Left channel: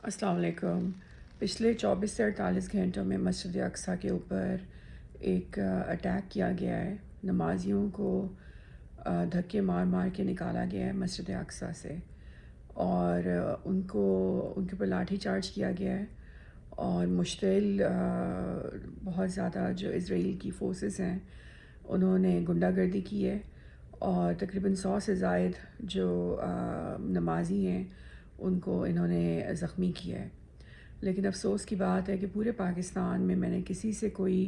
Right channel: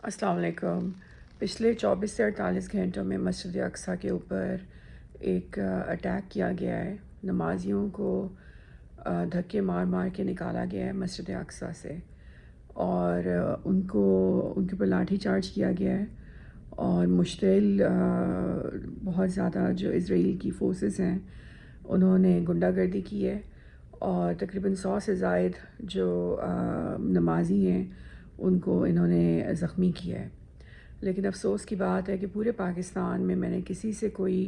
السلام علیکم۔ پچھلے 24 سے 48 گھنٹوں میں مسجد اقصیٰ کے اوپر ایک اٹیک کیا گیا ہے۔ نمازیوں کو دھکے مار مار کے نکالا گیا ہے مسجد اقصیٰ سے، اور ان کے اوپر لاٹھی چارج کیا گیا ہے، اور مشتعل بہت زیادہ جو اسرائیل کی فورسز ہیں انہوں نے غنڈہ گردی کی ہے، اور تقریباً 100 سے زائد جو نمازی ہیں ان کو انہوں نے زخمی کیا ہے۔ لیکن افسوس کی بات ہے کہ پورے پاکستان میں میں نے کسی سے کوئی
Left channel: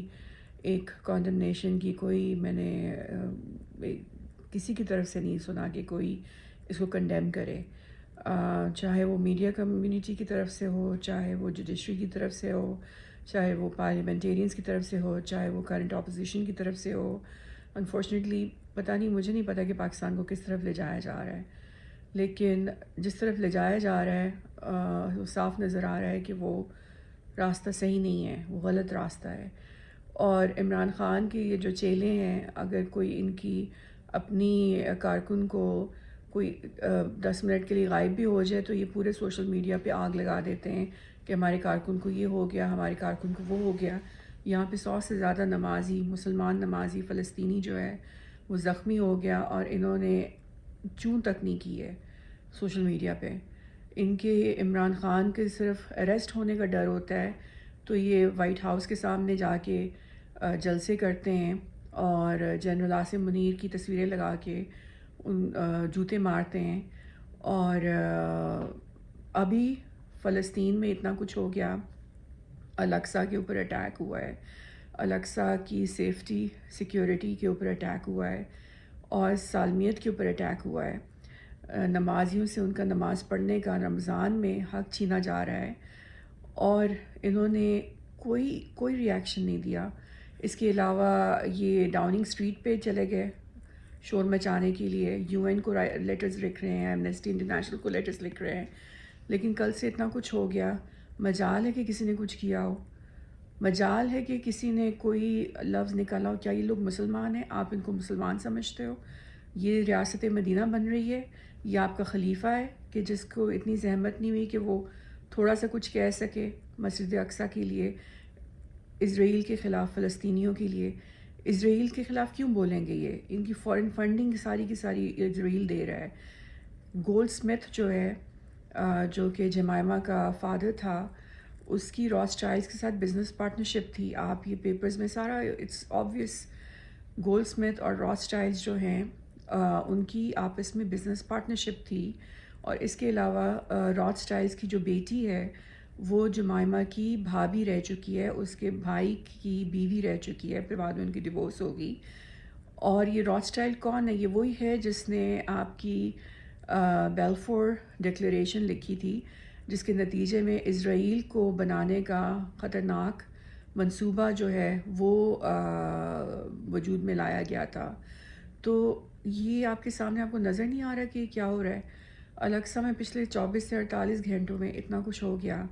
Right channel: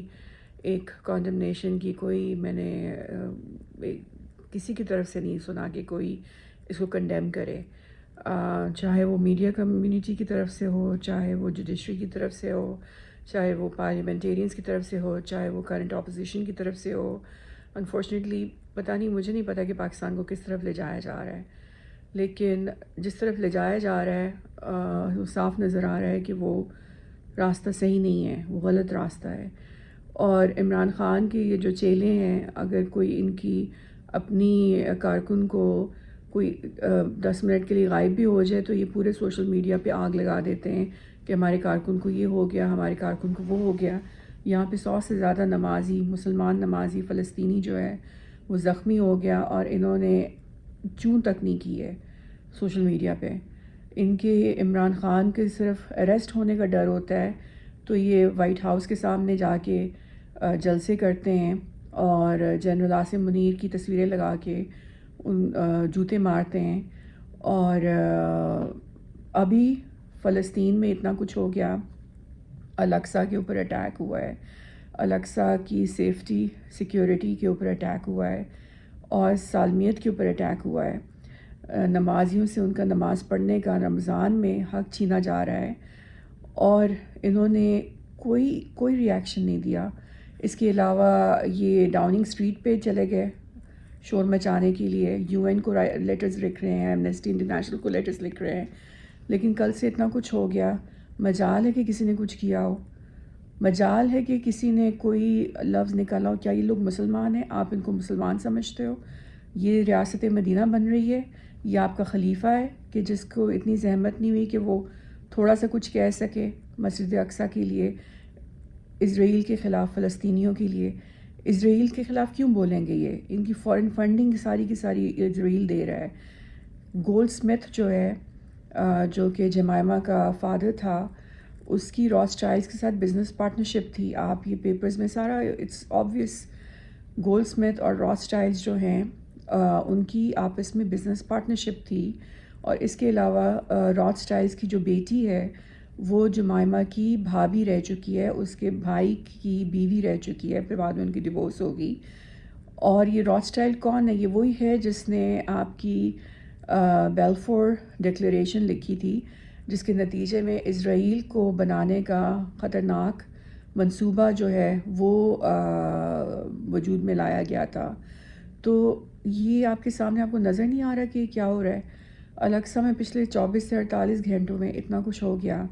ایک کانڈمنیشن کی، میں نے کسی کی طرف سے نہیں سنا کہ کوئی اس کو کنڈیم کرے، چاہے وہ میڈیا کمیونٹی کی طرف سے ہو، چاہے وہ جوڈیشری کی طرف سے ہو، چاہے وہ پارلیمنٹیرینز کی طرف سے ہو، چاہے وہ کرنٹ اپوزیشن کی طرف سے ہو۔ انفارچونیٹلی مجھے نہیں پتہ کہ پاکستان کو کس طرف لے جایا جا رہا ہے، لیکن جس طرف لے جایا جا رہا ہے وہ صاف نظر آ رہا ہے کہ وہ راستہ صحیح نہیں ہے، وہ غلط راستہ ہے۔ اور عمران خان کے یہ جو چیلے ہیں، اگر کوئی ان کی اپنی کارکن کو کوئی 10 منٹ کے لیے غائب بھی ہو جائے تو یہ پورے سوشل میڈیا پہ آگ لگا دیتے ہیں کہ ہمارے کارکن کو یہ ہو گیا، ہمارے کارکن کو وہ ہو گیا۔ یہاں پہ 100 سے زیادہ نمازی، مسلمان نمازی فلسطینی جو ہے وہ زخمی ہو گیا، اور انہوں نے چوں تک نہیں کی ہے سوشل میڈیا پہ۔ ان کے عمران خان کے صرف اریسٹ ہونے کا ڈر ہوتا ہے تو یہ وائٹ ہاؤس کے سامنے جا کے جلسے کرتے ہیں، اور جنرل عاصم منیر کی تصویریں لگا کے ان جوتے مارتے ہیں۔ اور ابھی فلسطین میں اتنا کچھ ہو گیا، الاقصیٰ کے اوپر اٹیک ہوا ہے، الاقصیٰ کی سیفٹی سیکیورٹی کے اوپر اٹیک ہوا ہے، اور سالمیت کے اوپر اٹیک ہوا ہے۔ نمازیوں سے ان کا نماز پڑھنے کا رمضان میں حق چھینا جا رہا ہے، اور انہوں نے کوئی ری ایکشن نہیں دیا۔ اس کے علاوہ یہ ڈاؤننگ اسٹریٹ پہ چلے گئے شور مچانے کے لیے، یو این کو لیٹرز لکھ رہے ہیں، ایمنسٹی انٹرنیشنل کو لیٹرز لکھ رہے ہیں، لیکن کل سے اتنا کچھ ہو گیا، مجال ہے کہ کسی نے کچھ کیا ہو، مجال ہے کہ کسی نے کوئی لفظ نکالا ہو۔ کیا یہ لوگ مسلمان ہیں؟ آپ ان کو مسلمان سمجھتے ہو؟ یہ ریاست مدینہ بن رہی ہے، یہ آپ کا خلیفہ ہے کہ جس کو اتنی زحمت نہیں ہوئی کہ وہ تھوڑا سا کچھ کہہ سکے مسجد اقصیٰ کے لیے، اسرائیل کے خلاف، فلسطینیوں کے لیے۔ اسرائیل کے خلاف کیوں بولیں گے؟ یہ ان کی فورن فنڈنگ ساری کی ساری اسرائیل دے رہا ہے۔ گولڈ سمتھ جو ہے جو کہ جمائمہ کا فادر تھا، اس کی راس چائلڈز کے ساتھ بزنس پارٹنرشپ تھی۔ آپ یہ پیپرز میں سارا اٹس آبویس، گولڈ سمتھ اور راس چائلڈز جو ہیں ان کی آپس میں بزنس پارٹنرشپ تھی، اور اس کے علاوہ راس چائلڈز کی جو بیٹی ہے وہ جمائمہ کی بھابھی رہ چکی ہے، اس کے بھائی کی بیوی رہ چکی ہے، پھر بعد میں ان کی ڈیورس ہوگی۔ اور یہ راس چائلڈ کون ہے؟ یہ وہی ہے جس نے آپ کی بیلفور ڈکلیریشن لکھی تھی، جس کے نتیجے میں اسرائیل کو بنانے کا خطرناک منصوبہ جو ہے وہ وجود میں لایا گیا تھا۔ تو یہ آپ کے سامنے، آپ کو نظر نہیں آ رہا کہ کیا ہو رہا ہے؟ الاقصیٰ میں پچھلے 24 سے 48 گھنٹوں میں اتنا کچھ ہو گیا،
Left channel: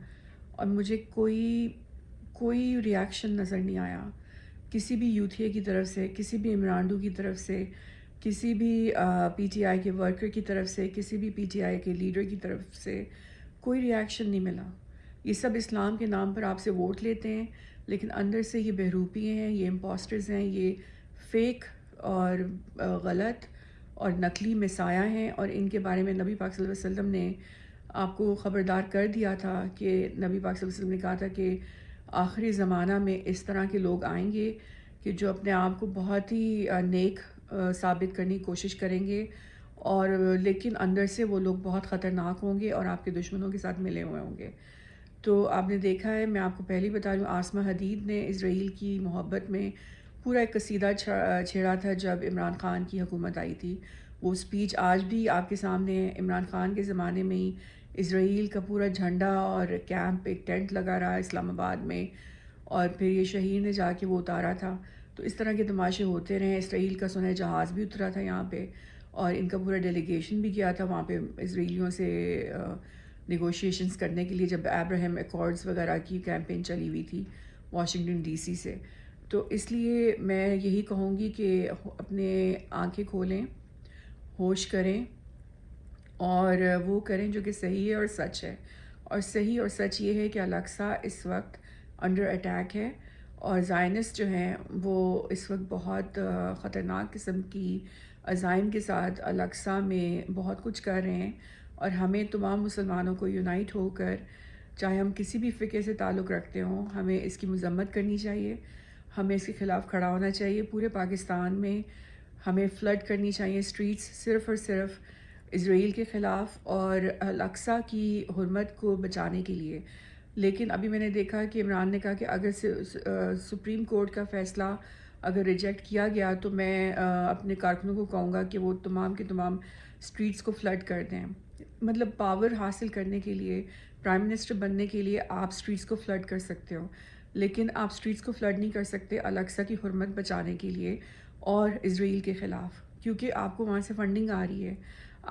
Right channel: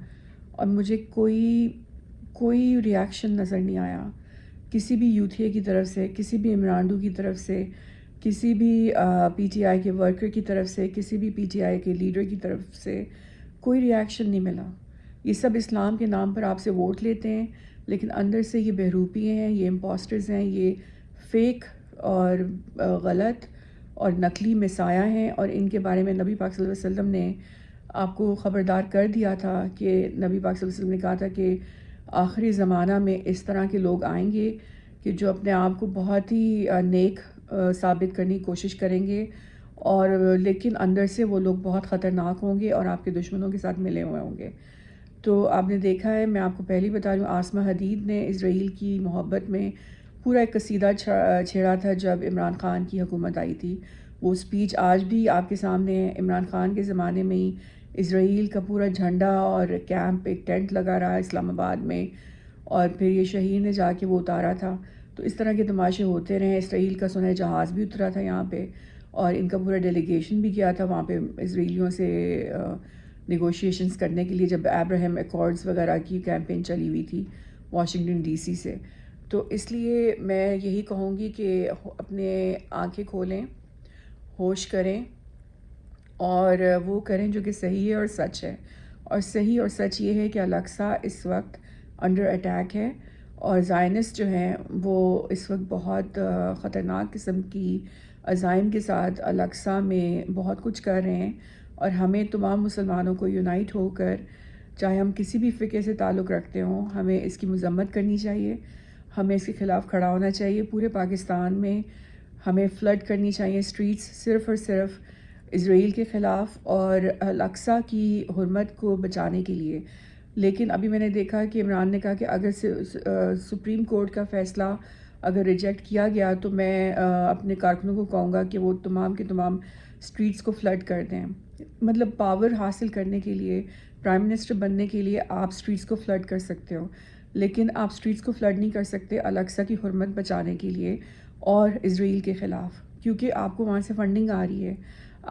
اور مجھے کوئی ری ایکشن نظر نہیں آیا کسی بھی یوتھیے کی طرف سے، کسی بھی عمرانڈو کی طرف سے، کسی بھی پی ٹی آئی کے ورکر کی طرف سے، کسی بھی پی ٹی آئی کے لیڈر کی طرف سے کوئی ری ایکشن نہیں ملا۔ یہ سب اسلام کے نام پر آپ سے ووٹ لیتے ہیں، لیکن اندر سے یہ بہروپی ہیں، یہ امپوسٹرز ہیں، یہ فیک اور غلط اور نقلی مسایہ ہیں، اور ان کے بارے میں نبی پاک صلی اللہ علیہ وسلم نے آپ کو خبردار کر دیا تھا کہ نبی پاک صلی اللہ علیہ وسلم نے کہا تھا کہ آخری زمانہ میں اس طرح کے لوگ آئیں گے کہ جو اپنے آپ کو بہت ہی نیک ثابت کرنے کی کوشش کریں گے، اور لیکن اندر سے وہ لوگ بہت خطرناک ہوں گے اور آپ کے دشمنوں کے ساتھ ملے ہوئے ہوں گے۔ تو آپ نے دیکھا ہے، میں آپ کو پہلے بتا رہی ہوں، آسمہ حدید نے اسرائیل کی محبت میں پورا ایک قصیدہ چھیڑا تھا جب عمران خان کی حکومت آئی تھی۔ وہ اسپیچ آج بھی آپ کے سامنے ہے۔ عمران خان کے زمانے میں ہی اسرائیل کا پورا جھنڈا اور کیمپ، ایک ٹینٹ لگا رہا اسلام آباد میں، اور پھر یہ شہید نے جا کے وہ اتارا تھا۔ تو اس طرح کے تماشے ہوتے رہے۔ اسرائیل کا سنہ جہاز بھی اترا تھا یہاں پہ، اور ان کا پورا ڈیلیگیشن بھی گیا تھا وہاں پہ اسرائیلیوں سے نیگوشیشنز کرنے کے لیے، جب ابراہیم ایکارڈز وغیرہ کی کیمپین چلی ہوئی تھی واشنگٹن ڈی سی سے۔ تو اس لیے میں یہی کہوں گی کہ اپنے آنکھیں کھولیں، ہوش کریں، اور وہ کریں جو کہ صحیح ہے اور سچ ہے، اور صحیح اور سچ یہ ہے کہ الاقصی اس وقت انڈر اٹیک ہے، اور زائنسٹ جو ہیں وہ اس وقت بہت خطرناک قسم کی عزائم کے ساتھ الاقصی میں بہت کچھ کر رہے ہیں، اور ہمیں تمام مسلمانوں کو یونائٹ ہو کر، چاہے ہم کسی بھی فقہ سے تعلق رکھتے ہوں، ہمیں اس کی مذمت کرنی چاہیے، ہمیں اس کے خلاف کھڑا ہونا چاہیے۔ پورے پاکستان میں ہمیں فلڈ کرنی چاہیے اسٹریٹس، صرف اور صرف اسرائیل کے خلاف اور الاقصی کی حرمت کو بچانے کے لیے۔ لیکن ابھی میں نے دیکھا کہ عمران نے کہا کہ اگر سپریم کورٹ کا فیصلہ اگر ریجیکٹ کیا گیا تو میں اپنے کارکنوں کو کہوں گا کہ وہ تمام کے تمام اسٹریٹس کو فلڈ کر دیں۔ مطلب پاور حاصل کرنے کے لیے، پرائم منسٹر بننے کے لیے آپ اسٹریٹس کو فلڈ کر سکتے ہو، لیکن آپ اسٹریٹس کو فلڈ نہیں کر سکتے الاقصی کی حرمت بچانے کے لیے اور اسرائیل کے خلاف، کیونکہ آپ کو وہاں سے فنڈنگ آ رہی ہے،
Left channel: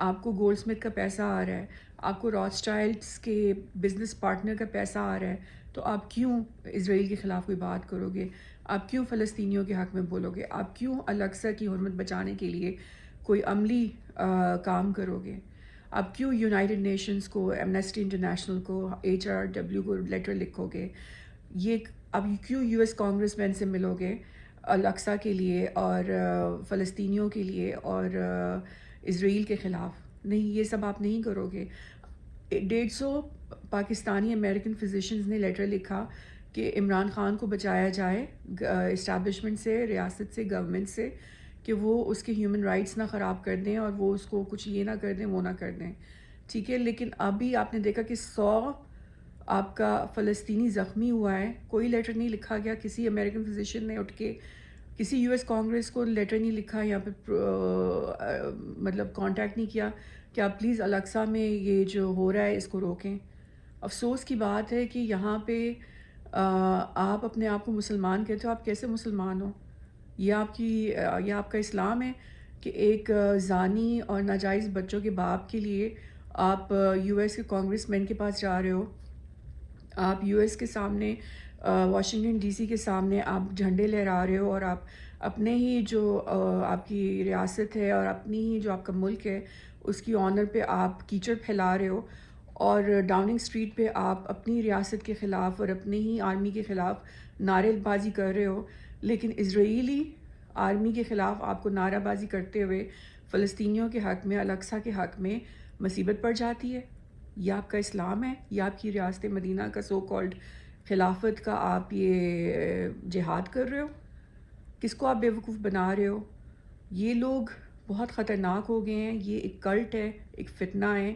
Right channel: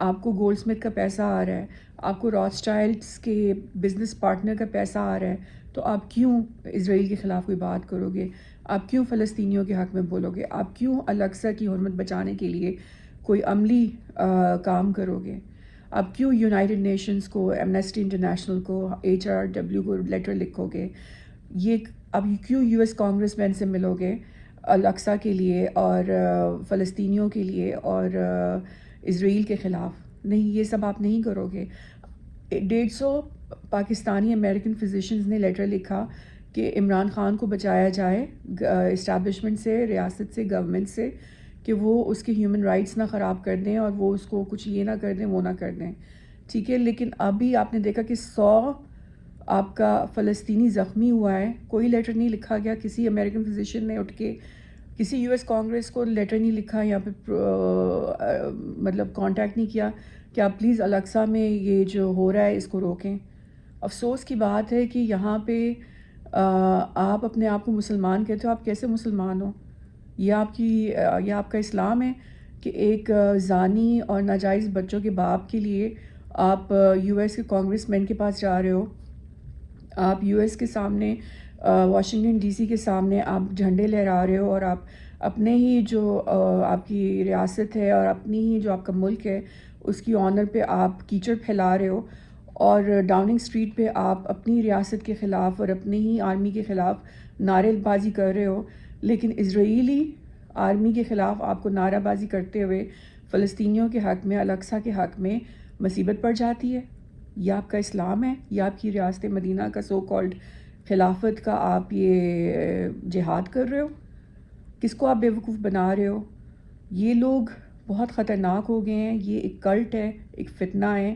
آپ کو گولڈ سمتھ کا پیسہ آ رہا ہے، آپ کو راس چائلڈس کے بزنس پارٹنر کا پیسہ آ رہا ہے، تو آپ کیوں اسرائیل کے خلاف کوئی بات کرو گے؟ آپ کیوں فلسطینیوں کے حق میں بولو گے؟ آپ کیوں الاقصی کی حرمت بچانے کے لیے کوئی عملی کام کرو گے؟ آپ کیوں یونائٹڈ نیشنز کو، ایمنسٹی انٹرنیشنل کو، HRW کو لیٹر لکھو گے؟ یہ اب کیوں US کانگریس مین سے ملو گے الاقصی کے لیے اور فلسطینیوں کے لیے اور اسرائیل کے خلاف؟ نہیں، یہ سب آپ نہیں کرو گے۔ 150 پاکستانی امریکن فزیشنز نے لیٹر لکھا کہ عمران خان کو بچایا جائے اسٹیبلشمنٹ سے، ریاست سے، گورنمنٹ سے، کہ وہ اس کے ہیومن رائٹس نہ خراب کر دیں اور وہ اس کو کچھ یہ نہ کر دیں، وہ نہ کر دیں، ٹھیک ہے۔ لیکن ابھی آپ نے دیکھا کہ 100 آپ کا فلسطینی زخمی ہوا ہے، کوئی لیٹر نہیں لکھا گیا، کسی امریکن فزیشین نے اٹھ کے کسی US کانگریس کو لیٹر نہیں لکھا یا پھر مطلب کانٹیکٹ نہیں کیا کہ آپ پلیز الاقصی میں یہ جو ہو رہا ہے اس کو روکیں۔ افسوس کی بات ہے کہ یہاں پہ آپ اپنے آپ کو مسلمان کہتے ہو، آپ کیسے مسلمان ہو؟ یہ آپ کا اسلام ہے کہ ایک زانی اور ناجائز بچوں کے باپ کے لیے آپ US کے کانگریس مین کے پاس جا رہے ہو، آپ US کے سامنے، واشنگٹن DC کے سامنے آپ جھنڈے لہرا رہے ہو، اور آپ اپنے ہی جو آپ کی ریاست ہے اور اپنی ہی جو آپ کا ملک ہے اس کی آنر پہ آپ کیچڑ پھیلا رہے ہو، اور ڈاؤننگ اسٹریٹ پہ آپ اپنی ریاست کے خلاف اور اپنی ہی آرمی کے خلاف نعرے بازی کر رہے ہو، لیکن اسرائیلی آرمی کے خلاف آپ کو نعرہ بازی کرتے ہوئے فلسطینیوں کے حق میں، الاقصی کے حق میں مصیبت پڑ جاتی ہے۔ یہ آپ کا اسلام ہے؟ یا آپ کی ریاست مدینہ کا سو کالڈ خلافت کا آپ یہ جہاد کر رہے ہو؟ کس کو آپ بیوقوف بنا رہے ہو؟ یہ لوگ بہت خطرناک ہو گئے ہیں، یہ ایک کلٹ ہے، ایک فتنہ ہے،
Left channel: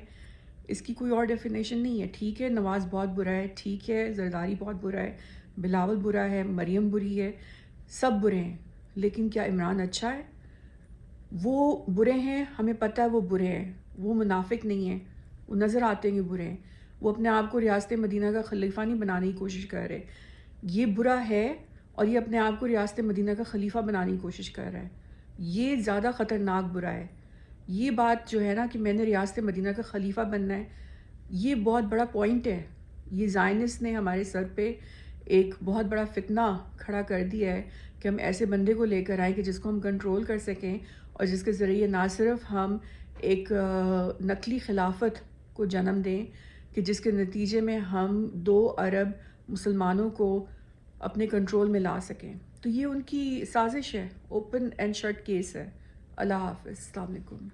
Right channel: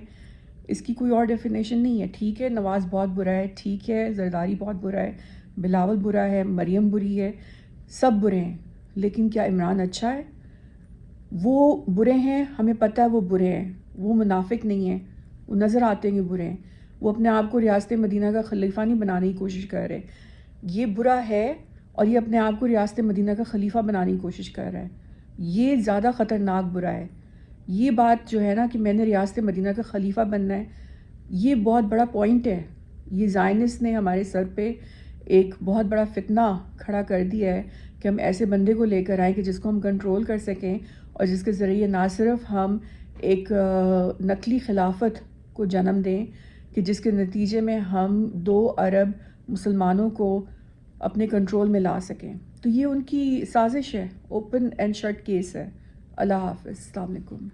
اس کی کوئی اور ڈیفینیشن نہیں ہے۔ ٹھیک ہے نواز بہت برا ہے، ٹھیک ہے زرداری بہت برا ہے، بلاول برا ہے، مریم بری ہے، سب برے ہیں، لیکن کیا عمران اچھا ہے؟ وہ برے ہیں، ہمیں پتہ ہے وہ برے ہیں، وہ منافق نہیں ہیں، وہ نظر آتے ہیں کہ برے ہیں، وہ اپنے آپ کو ریاست مدینہ کا خلیفہ نہیں بنانے کی کوشش کر رہے، یہ برا ہے اور یہ اپنے آپ کو ریاست مدینہ کا خلیفہ بنانے کی کوشش کر رہا ہے، یہ زیادہ خطرناک برا ہے۔ یہ بات جو ہے نا کہ میں نے ریاست مدینہ کا خلیفہ بننا ہے، یہ بہت بڑا پوائنٹ ہے۔ یہ زائنسٹ نے ہمارے سر پہ ایک بہت بڑا فتنہ کھڑا کر دیا ہے کہ ہم ایسے بندے کو لے کر آئیں کہ جس کو ہم کنٹرول کر سکیں، اور جس کے ذریعے نہ صرف ہم ایک نقلی خلافت کو جنم دیں کہ جس کے نتیجے میں ہم 2 ارب مسلمانوں کو اپنے کنٹرول میں لا سکیں۔ تو یہ ان کی سازش ہے، اوپن اینڈ شٹ کیس ہے۔ اللہ حافظ، السلام علیکم۔